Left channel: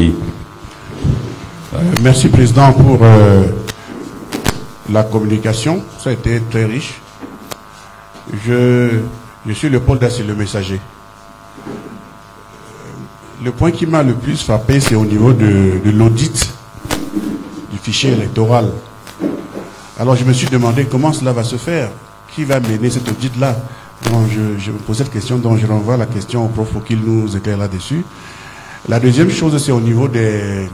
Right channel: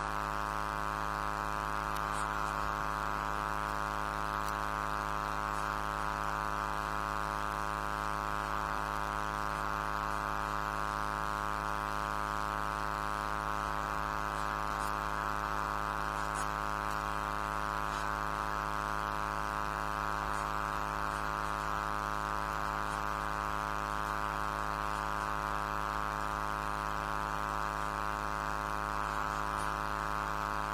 pays. Merci, Président, pour la communication. Ça a été très riche. Je suis Léopold Dassé, le messager. Le point qui m'a le plus frappé, c'est au niveau de l'audit du fichier électoral. Alors je me suis demandé comment cela va se faire. Qui va mener cet audit-là? Donc je me pose cette question, donc je renvoie la question au prof pour qu'il nous éclaire là-dessus. La deuxième chose, c'est au niveau des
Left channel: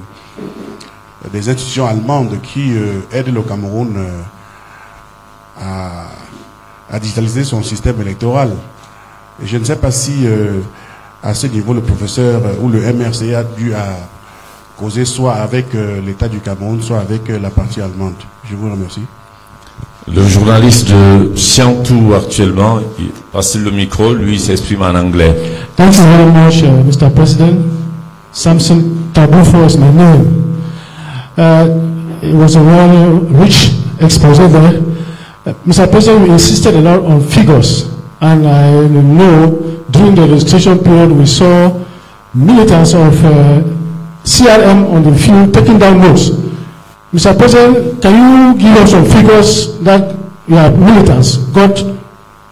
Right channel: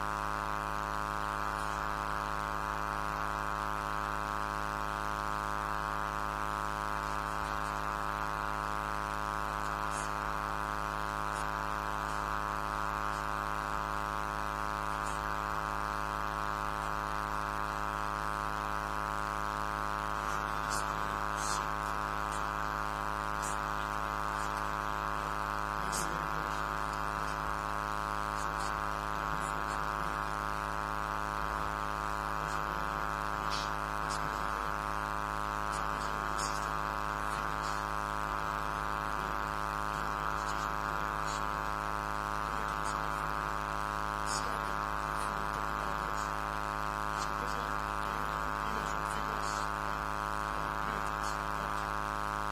institutions allemandes qui aident le Cameroun à digitaliser son système électoral. Et je ne sais pas si à ce niveau le professeur ou le MRC a dû causer soit avec l'État du Cameroun, soit avec la partie allemande. Je vous remercie. Le journaliste de Siantou actuellement, il passe le micro, lui s'exprime en anglais. Thank you very much, Mr. President. Samson Tabufo is my name. It was a very rich expose there. Mr. President, we insisted a lot on figures, and I know during the registration period we saw militants of CRM on the field taking down notes. Mr. President, can you give us some figures that your militants got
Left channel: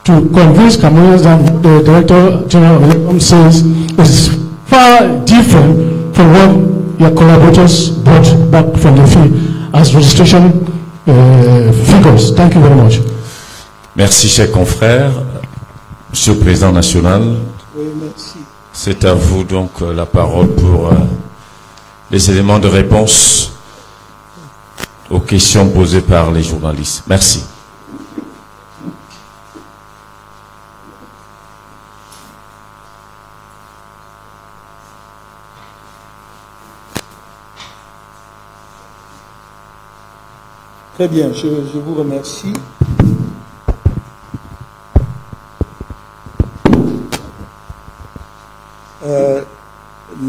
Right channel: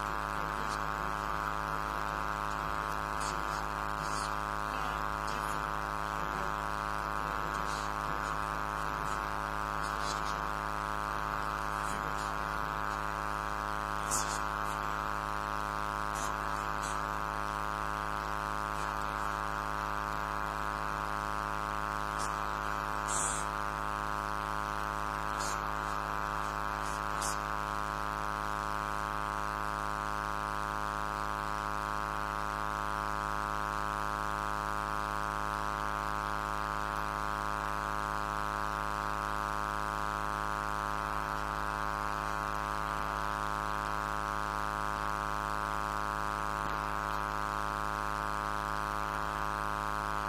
to convince Cameroonians that the Director General of Elections says is far different from what your collaborators brought back from the field as registration figures? Thank you very much. Merci, chers confrères. Monsieur le Président national, Oui, merci. c'est à vous donc la parole pour les éléments de réponse aux questions posées par les journalistes. Merci. Très bien, je vous remercie.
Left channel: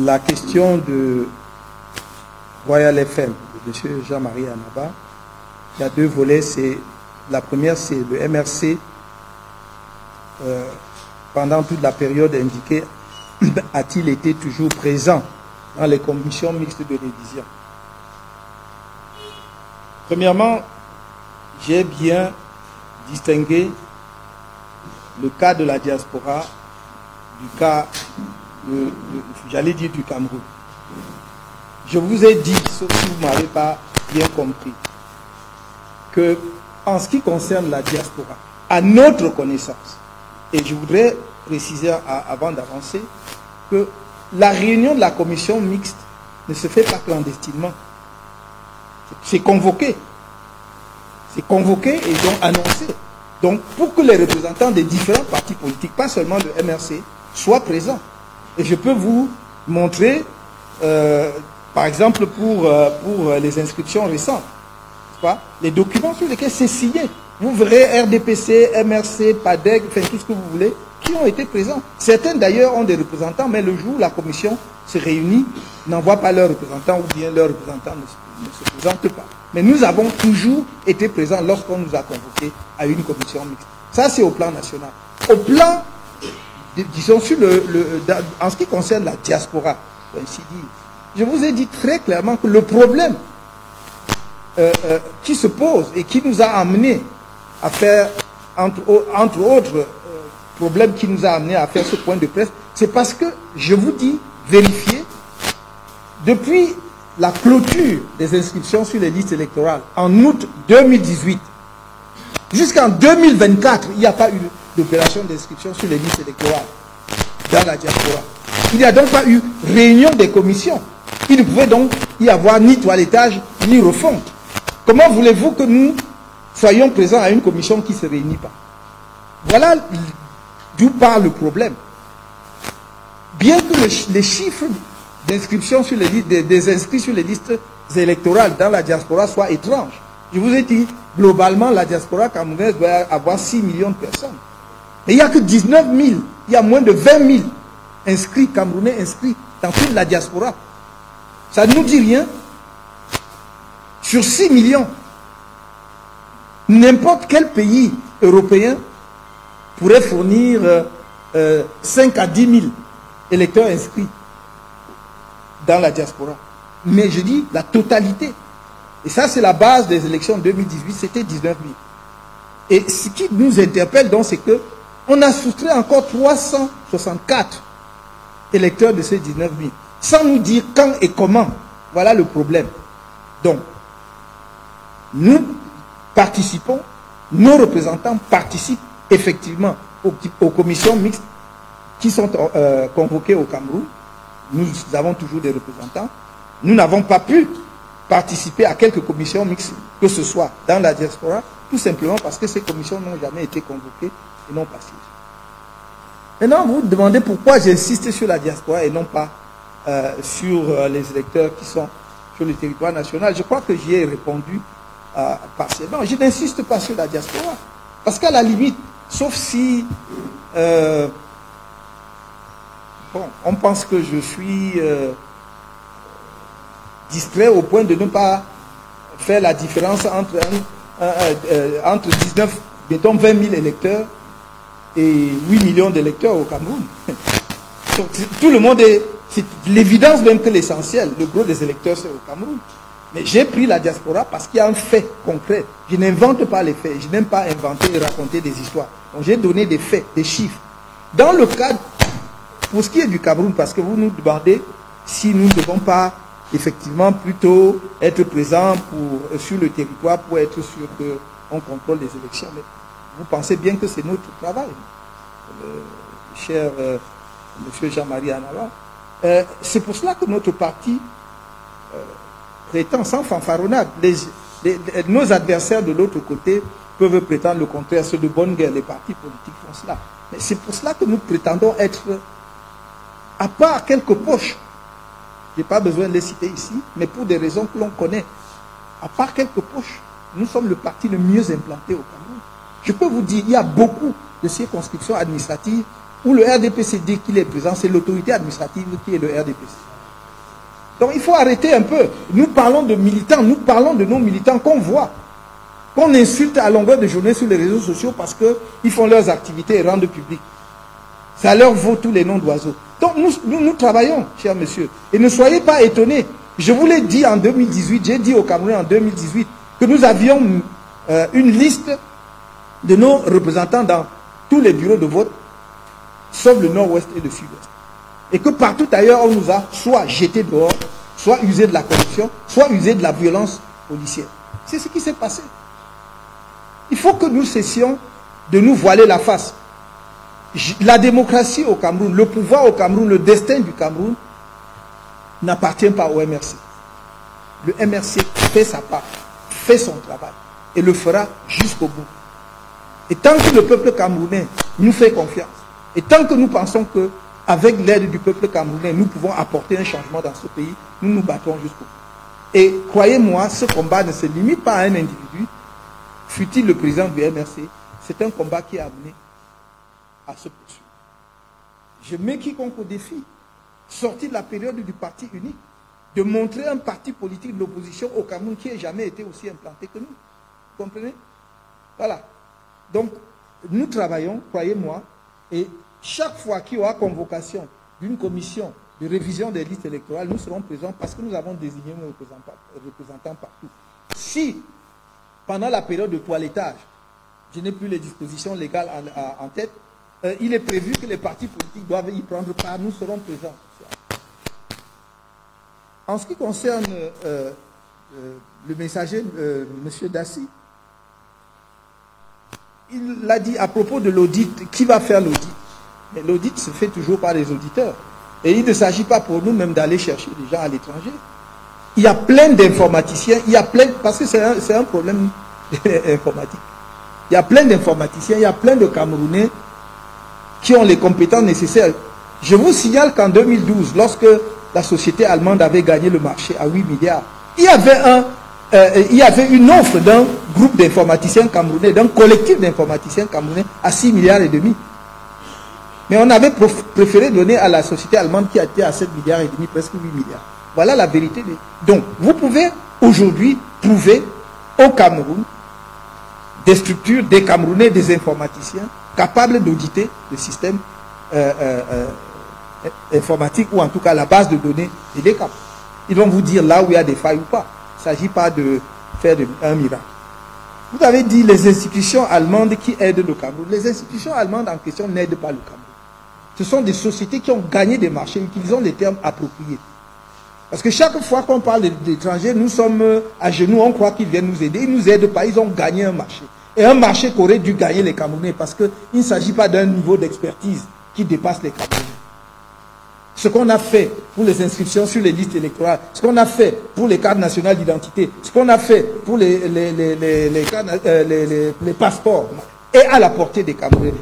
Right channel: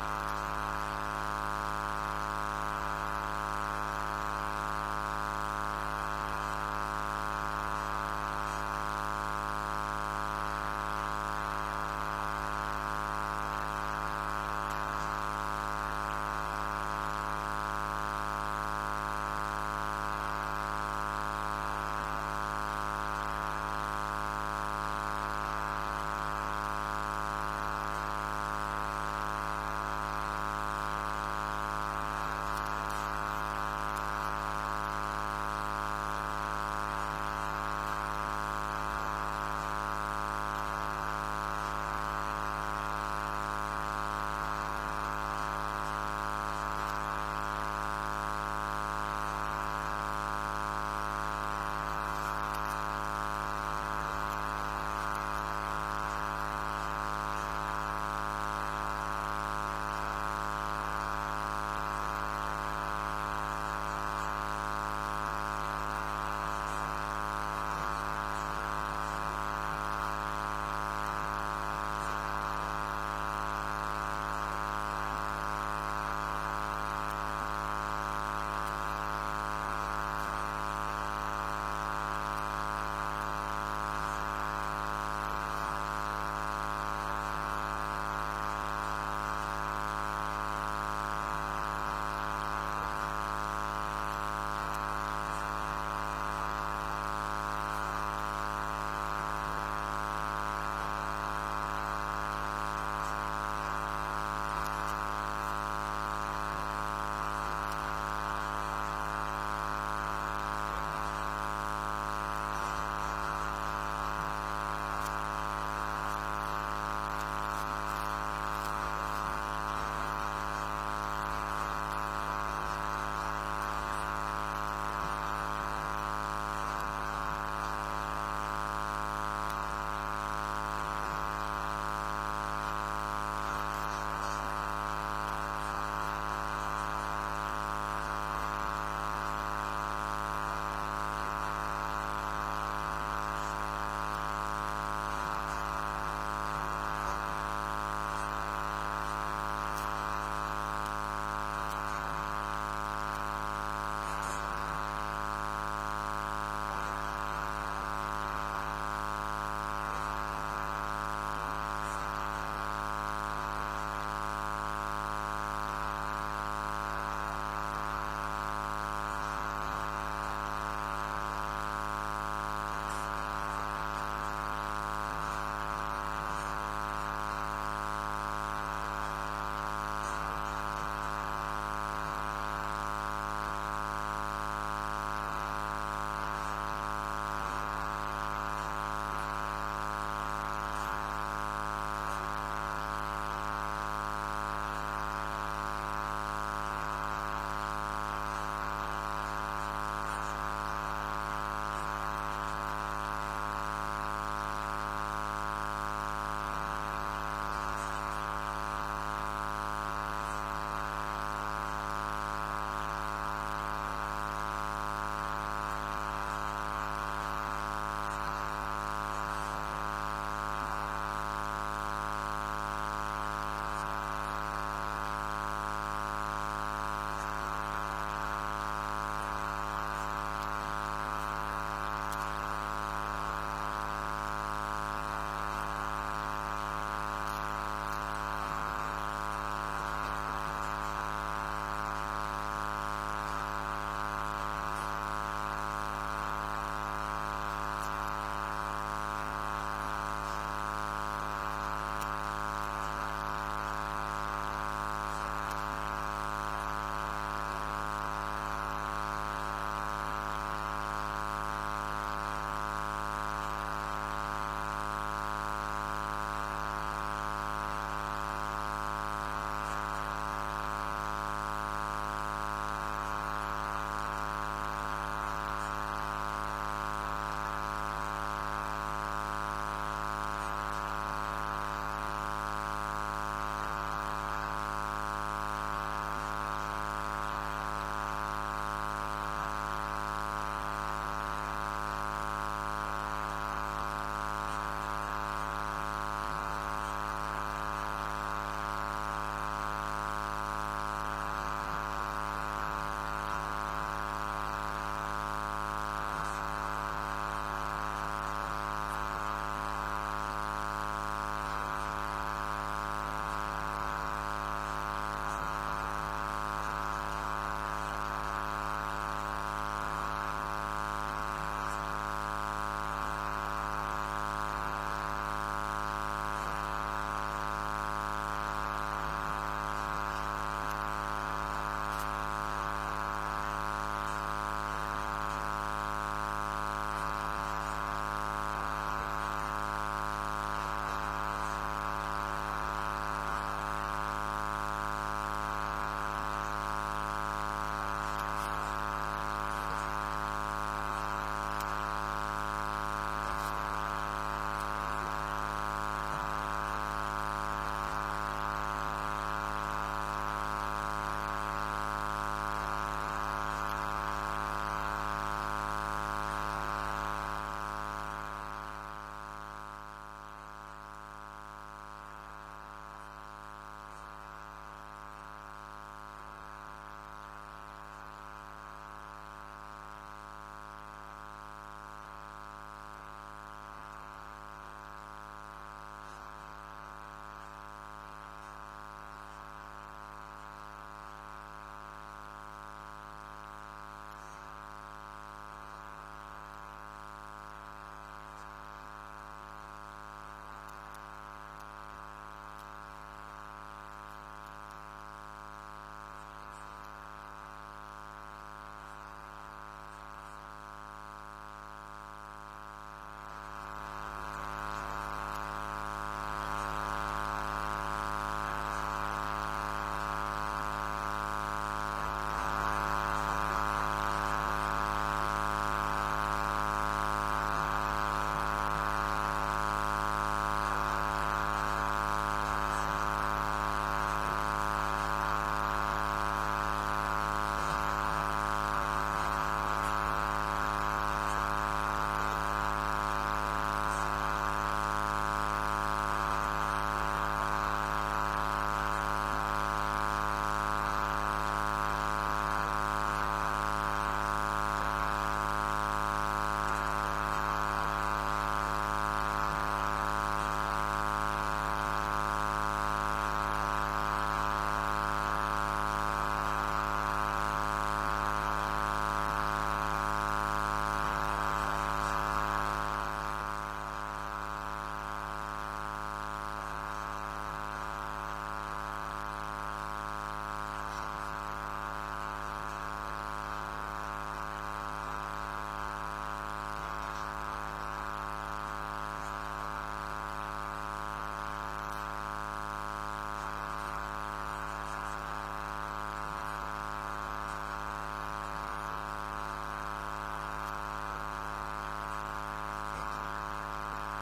La question de Royal FM, de M. Jean-Marie Anaba, il y a deux volets. La première, c'est le MRC. Pendant toute la période indiquée, a-t-il été toujours présent dans les commissions mixtes de révision? Premièrement, j'ai bien distingué le cas de la diaspora du cas, j'allais dire, du Cameroun. Je vous ai dit, sauf si vous ne m'avez pas bien compris, que en ce qui concerne la diaspora, à notre connaissance, et je voudrais préciser avant d'avancer, que la réunion de la commission mixte ne se fait pas clandestinement. C'est convoqué. C'est convoqué et donc annoncé. Donc, pour que les représentants des différents partis politiques, pas seulement le MRC, soient présents. Et je peux vous montrer, par exemple, pour les inscriptions récentes, les documents sur lesquels c'est signé. Vous verrez RDPC, MRC, PADEG, enfin tout ce que vous voulez, qui ont été présents. Certains d'ailleurs ont des représentants, mais le jour où la commission se réunit, n'envoie pas leurs représentants ou bien leurs représentants ne se présentent pas. Mais nous avons toujours été présents lorsqu'on nous a convoqués à une commission mixte. Ça, c'est au plan national. Au plan, disons, en ce qui concerne la diaspora, ainsi dit, je vous ai dit très clairement que le problème qui se pose et qui nous a amené à faire, entre autres problèmes qui nous a amené à faire ce point de presse, c'est parce que, je vous dis, vérifiez, depuis la clôture des inscriptions sur les listes électorales en août 2018, jusqu'en 2024, il n'y a pas eu d'opération d'inscription sur les listes électorales dans la diaspora. Il n'y a donc pas eu réunion des commissions. Il ne pouvait donc y avoir ni toilettage, ni refonte. Comment voulez-vous que nous soyons présents à une commission qui ne se réunit pas? Voilà d'où part le problème. Bien que les chiffres d'inscription sur les listes, des inscrits sur les listes électorales dans la diaspora soient étranges. Je vous ai dit, globalement, la diaspora camerounaise doit avoir 6 millions de personnes. Mais il n'y a que 19 000, il y a moins de 20 000 inscrits, Camerounais inscrits dans toute la diaspora. Ça ne nous dit rien. Sur 6 millions, n'importe quel pays européen pourrait fournir 5 à 10 000 électeurs inscrits. dans la diaspora. Mais je dis la totalité. Et ça, c'est la base des élections de 2018, c'était 19 000. Et ce qui nous interpelle donc, c'est qu'on a soustrait encore 364 électeurs de ces 19 000, sans nous dire quand et comment. Voilà le problème. Donc, nous participons, nos représentants participent effectivement aux commissions mixtes qui sont convoquées au Cameroun. Nous avons toujours des représentants. Nous n'avons pas pu participer à quelques commissions mixtes, que ce soit dans la diaspora, tout simplement parce que ces commissions n'ont jamais été convoquées et non passées. Maintenant, vous vous demandez pourquoi j'insiste sur la diaspora et non pas sur les électeurs qui sont sur le territoire national. Je crois que j'y ai répondu partiellement. Je n'insiste pas sur la diaspora. Parce qu'à la limite, sauf si on pense que je suis distrait au point de ne pas faire la différence entre 19, mettons 20 000 électeurs et 8 millions d'électeurs au Cameroun. Donc, tout le monde est... C'est l'évidence même que l'essentiel, le gros des électeurs, c'est au Cameroun. Mais j'ai pris la diaspora parce qu'il y a un fait concret. Je n'invente pas les faits. Je n'aime pas inventer et raconter des histoires. Donc j'ai donné des faits, des chiffres. Dans le cadre, pour ce qui est du Cameroun, parce que vous nous demandez si nous ne devons pas effectivement plutôt être présents sur le territoire pour être sûr qu'on contrôle les élections. Mais vous pensez bien que c'est notre travail, cher monsieur Jean-Marie Anawa. C'est pour cela que notre parti prétend sans fanfaronnade. Nos adversaires de l'autre côté peuvent prétendre le contraire. C'est de bonne guerre, les partis politiques font cela. C'est pour cela que nous prétendons être, à part quelques poches, je n'ai pas besoin de les citer ici, mais pour des raisons que l'on connaît, à part quelques poches, nous sommes le parti le mieux implanté au Cameroun. Je peux vous dire, il y a beaucoup de circonscriptions administratives où le RDPC dit qu'il est présent, c'est l'autorité administrative qui est le RDPC. Donc il faut arrêter un peu. Nous parlons de militants, nous parlons de nos militants qu'on voit, qu'on insulte à longueur de journée sur les réseaux sociaux parce qu'ils font leurs activités et rendent public. Ça leur vaut tous les noms d'oiseaux. Donc nous travaillons, cher monsieur. Et ne soyez pas étonnés. Je vous l'ai dit en 2018, j'ai dit au Cameroun en 2018 que nous avions une liste de nos représentants dans tous les bureaux de vote, sauf le nord-ouest et le sud-ouest. Et que partout ailleurs, on nous a soit jetés dehors, soit usé de la corruption, soit usé de la violence policière. C'est ce qui s'est passé. Il faut que nous cessions de nous voiler la face. La démocratie au Cameroun, le pouvoir au Cameroun, le destin du Cameroun n'appartient pas au MRC. Le MRC fait sa part, fait son travail et le fera jusqu'au bout. Et tant que le peuple camerounais nous fait confiance, et tant que nous pensons qu'avec l'aide du peuple camerounais, nous pouvons apporter un changement dans ce pays, nous nous battons jusqu'au bout. Et croyez-moi, ce combat ne se limite pas à un individu, fut-il le président du MRC, c'est un combat qui est amené à se poursuivre. Je mets quiconque au défi, sorti de la période du parti unique, de montrer un parti politique de l'opposition au Cameroun qui n'a jamais été aussi implanté que nous. Vous comprenez? Voilà. Donc, nous travaillons, croyez-moi, et chaque fois qu'il y aura convocation d'une commission de révision des listes électorales, nous serons présents parce que nous avons désigné nos représentants partout. Si, pendant la période de toilettage, je n'ai plus les dispositions légales en tête, il est prévu que les partis politiques doivent y prendre part, nous serons présents. En ce qui concerne le messager, M. Dassi, il l'a dit à propos de l'audit. Qui va faire l'audit? L'audit se fait toujours par les auditeurs. Et il ne s'agit pas pour nous même d'aller chercher des gens à l'étranger. Il y a plein d'informaticiens, parce que c'est un problème informatique. Il y a plein d'informaticiens, il y a plein de Camerounais qui ont les compétences nécessaires. Je vous signale qu'en 2012, lorsque la société allemande avait gagné le marché à 8 milliards, il y avait une offre d'un groupe d'informaticiens camerounais, d'un collectif d'informaticiens camerounais à 6 milliards et demi. Mais on avait préféré donner à la société allemande qui a été à 7 milliards et demi, presque 8 milliards. Voilà la vérité. Donc, vous pouvez aujourd'hui trouver au Cameroun des structures, des Camerounais, des informaticiens capables d'auditer le système informatique, ou en tout cas la base de données ELECAM. Ils vont vous dire là où il y a des failles ou pas. Il ne s'agit pas de faire un miracle. Vous avez dit les institutions allemandes qui aident le Cameroun. Les institutions allemandes en question n'aident pas le Cameroun. Ce sont des sociétés qui ont gagné des marchés, utilisons des termes appropriés. Parce que chaque fois qu'on parle d'étrangers, nous sommes à genoux, on croit qu'ils viennent nous aider. Ils ne nous aident pas, ils ont gagné un marché. Et un marché qu'auraient dû gagner les Camerounais, parce qu'il ne s'agit pas d'un niveau d'expertise qui dépasse les Camerounais. Ce qu'on a fait pour les inscriptions sur les listes électorales, ce qu'on a fait pour les cartes nationales d'identité, ce qu'on a fait pour les passeports, est à la portée des Camerounais.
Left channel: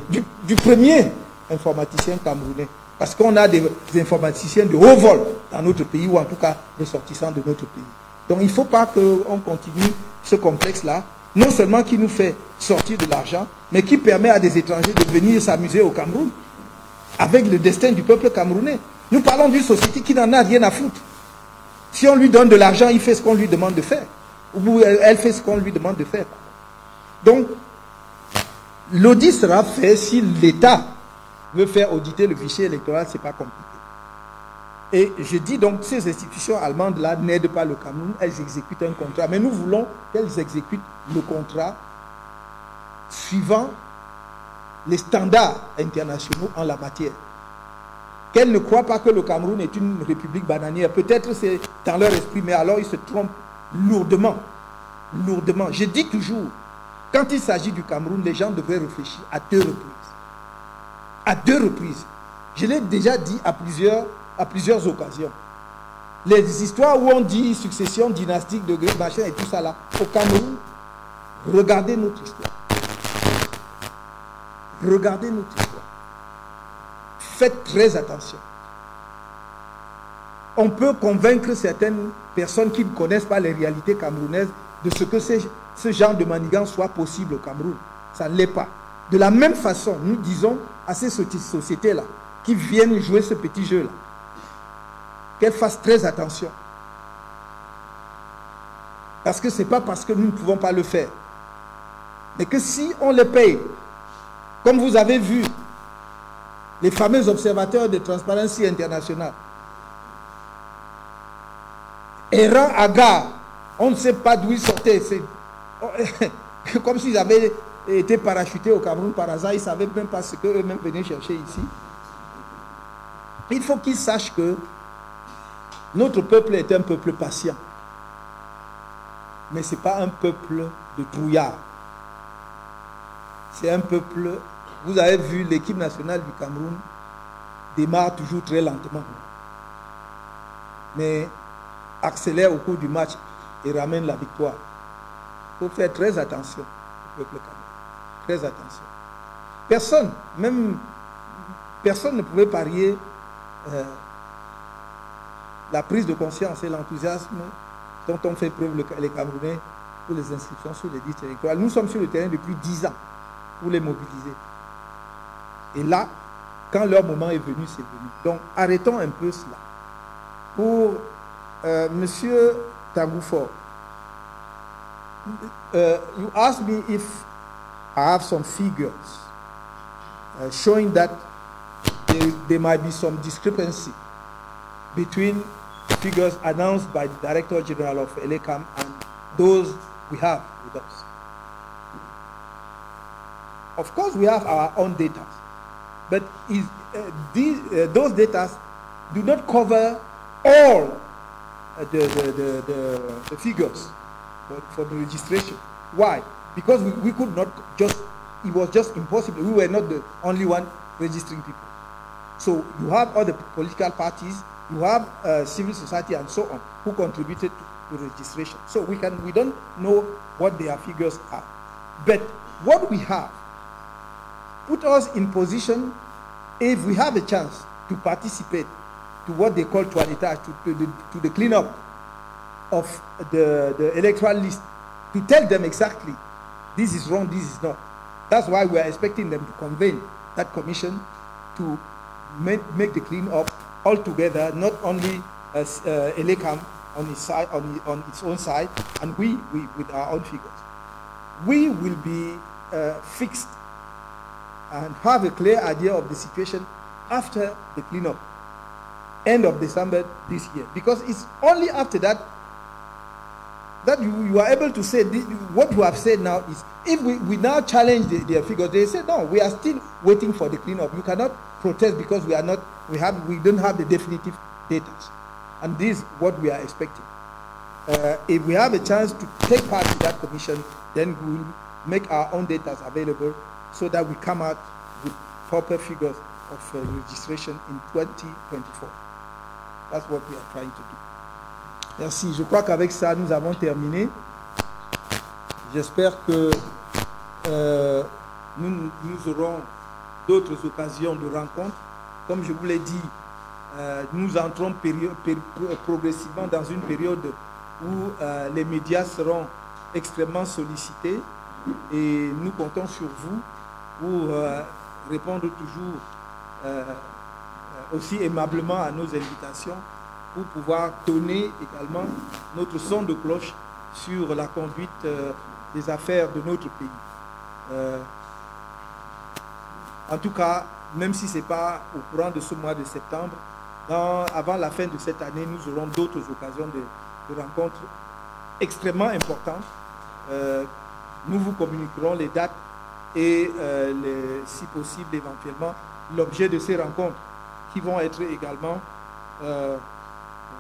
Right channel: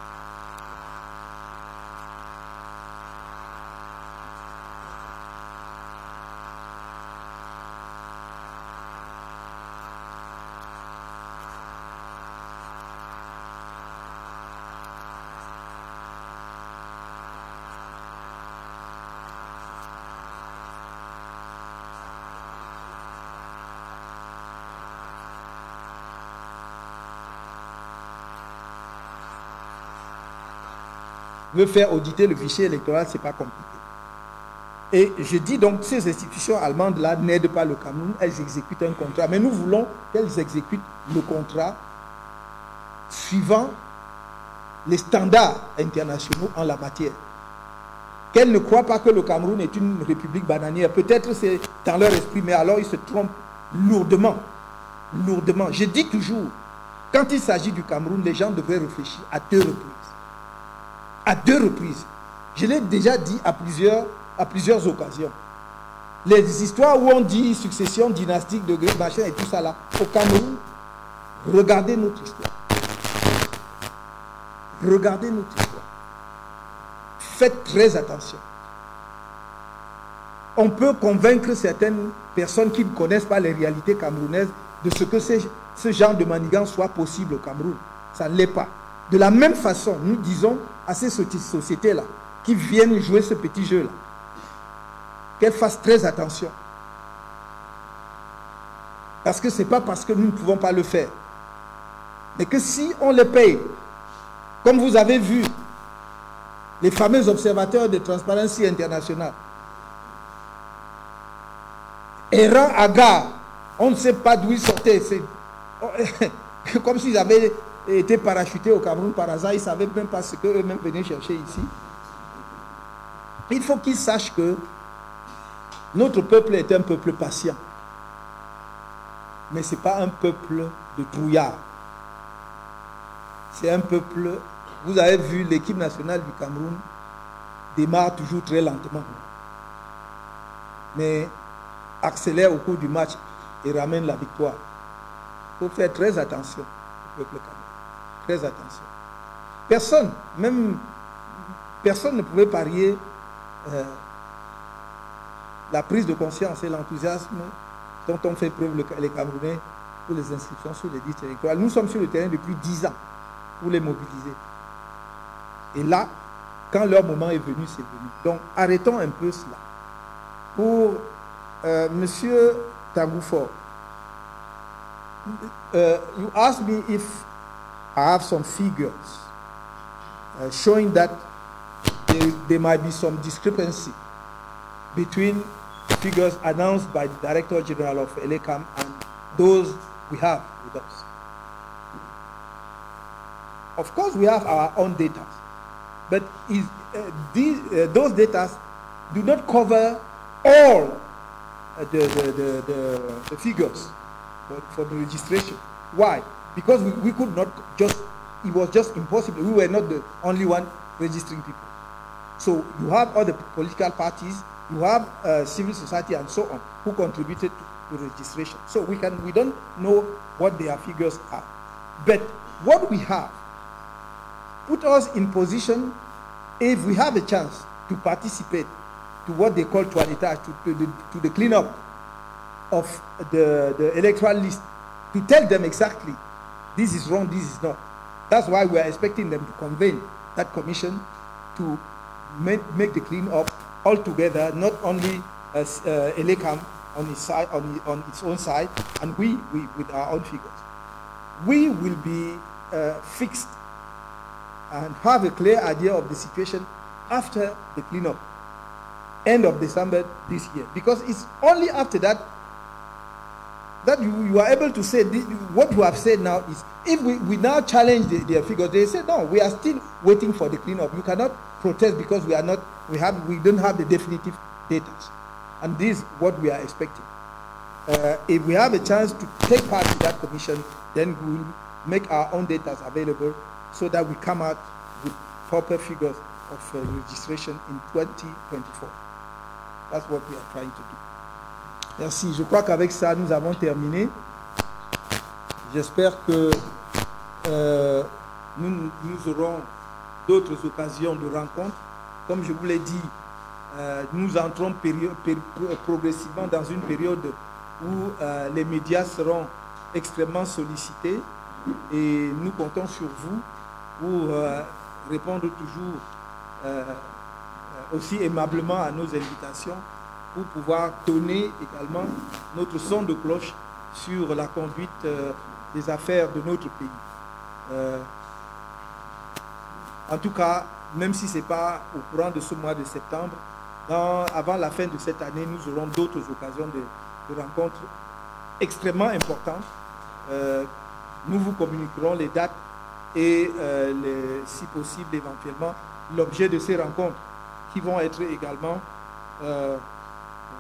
Du premier informaticien camerounais. Parce qu'on a des informaticiens de haut vol dans notre pays, ou en tout cas ressortissants de notre pays. Donc il ne faut pas qu'on continue ce complexe-là, non seulement qui nous fait sortir de l'argent, mais qui permet à des étrangers de venir s'amuser au Cameroun, avec le destin du peuple camerounais. Nous parlons d'une société qui n'en a rien à foutre. Si on lui donne de l'argent, il fait ce qu'on lui demande de faire. Ou elle fait ce qu'on lui demande de faire. Donc, l'audit sera fait si l'État veut faire auditer le fichier électoral, ce n'est pas compliqué. Et je dis donc, ces institutions allemandes-là n'aident pas le Cameroun, elles exécutent un contrat. Mais nous voulons qu'elles exécutent le contrat suivant les standards internationaux en la matière. Qu'elles ne croient pas que le Cameroun est une république bananière. Peut-être c'est dans leur esprit, mais alors ils se trompent lourdement. Lourdement. Je dis toujours, quand il s'agit du Cameroun, les gens devraient réfléchir à 2 reprises. À 2 reprises. Je l'ai déjà dit à plusieurs occasions. Les histoires où on dit succession dynastique de machin et tout ça là, au Cameroun, regardez notre histoire. Regardez notre histoire. Faites très attention. On peut convaincre certaines personnes qui ne connaissent pas les réalités camerounaises de ce que ce genre de manigance soit possible au Cameroun. Ça ne l'est pas. De la même façon, nous disons à ces sociétés-là qui viennent jouer ce petit jeu-là, qu'elles fassent très attention. Parce que ce n'est pas parce que nous ne pouvons pas le faire. Mais que si on les paye, comme vous avez vu, les fameux observateurs de Transparency International, errant à gare, on ne sait pas d'où ils sortaient. C'est comme s'ils avaient été parachutés au Cameroun par hasard, ils ne savaient même pas ce qu'eux-mêmes venaient chercher ici. Il faut qu'ils sachent que notre peuple est un peuple patient. Mais ce n'est pas un peuple de trouillards. C'est un peuple... Vous avez vu, l'équipe nationale du Cameroun démarre toujours très lentement. Mais accélère au cours du match et ramène la victoire. Il faut faire très attention au peuple camerounais. Très attention. Personne ne pouvait parier la prise de conscience et l'enthousiasme dont ont fait preuve les Camerounais pour les inscriptions sur les listes électorales. Nous sommes sur le terrain depuis 10 ans pour les mobiliser. Et là, quand leur moment est venu, c'est venu. Donc, arrêtons un peu cela. Pour Monsieur Tagoufort, you asked me if I have some figures showing that there might be some discrepancy between figures announced by the Director General of ELECAM and those we have with us. Of course, we have our own data. But those data do not cover all the figures for the registration. Why? Because we could not just, it was just impossible. We were not the only one registering people. So you have other political parties, you have civil society and so on, who contributed to registration. So we don't know what their figures are. But what we have put us in position, if we have a chance to participate to what they call toilettage, to the cleanup of the electoral list, to tell them exactly this is wrong, this is not. That's why we are expecting them to convene that commission to make the cleanup altogether, not only as ELECAM on its side, on its own side, and we with our own figures. We will be fixed and have a clear idea of the situation after the cleanup. end of December this year. Because it's only after that that you are able to say what you have said now is, if we now challenge their figures, they say, no, we are still waiting for the cleanup. You cannot protest because we don't have the definitive data. And this is what we are expecting. If we have a chance to take part in that commission, then we will make our own data available so that we come out with proper figures of registration in 2024. That's what we are trying to do. Merci. Je crois qu'avec ça, nous avons terminé. J'espère que nous aurons d'autres occasions de rencontres. Comme je vous l'ai dit, nous entrons progressivement dans une période où les médias seront extrêmement sollicités et nous comptons sur vous pour répondre toujours aussi aimablement à nos invitations, pour pouvoir donner également notre son de cloche sur la conduite des affaires de notre pays. En tout cas, même si ce n'est pas au courant de ce mois de septembre, avant la fin de cette année, nous aurons d'autres occasions de rencontres extrêmement importantes. Nous vous communiquerons les dates et, si possible, éventuellement, l'objet de ces rencontres qui vont être également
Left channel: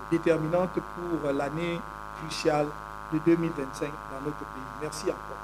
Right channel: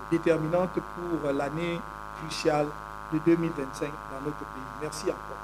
déterminantes pour l'année cruciale de 2025 dans notre pays. Merci encore.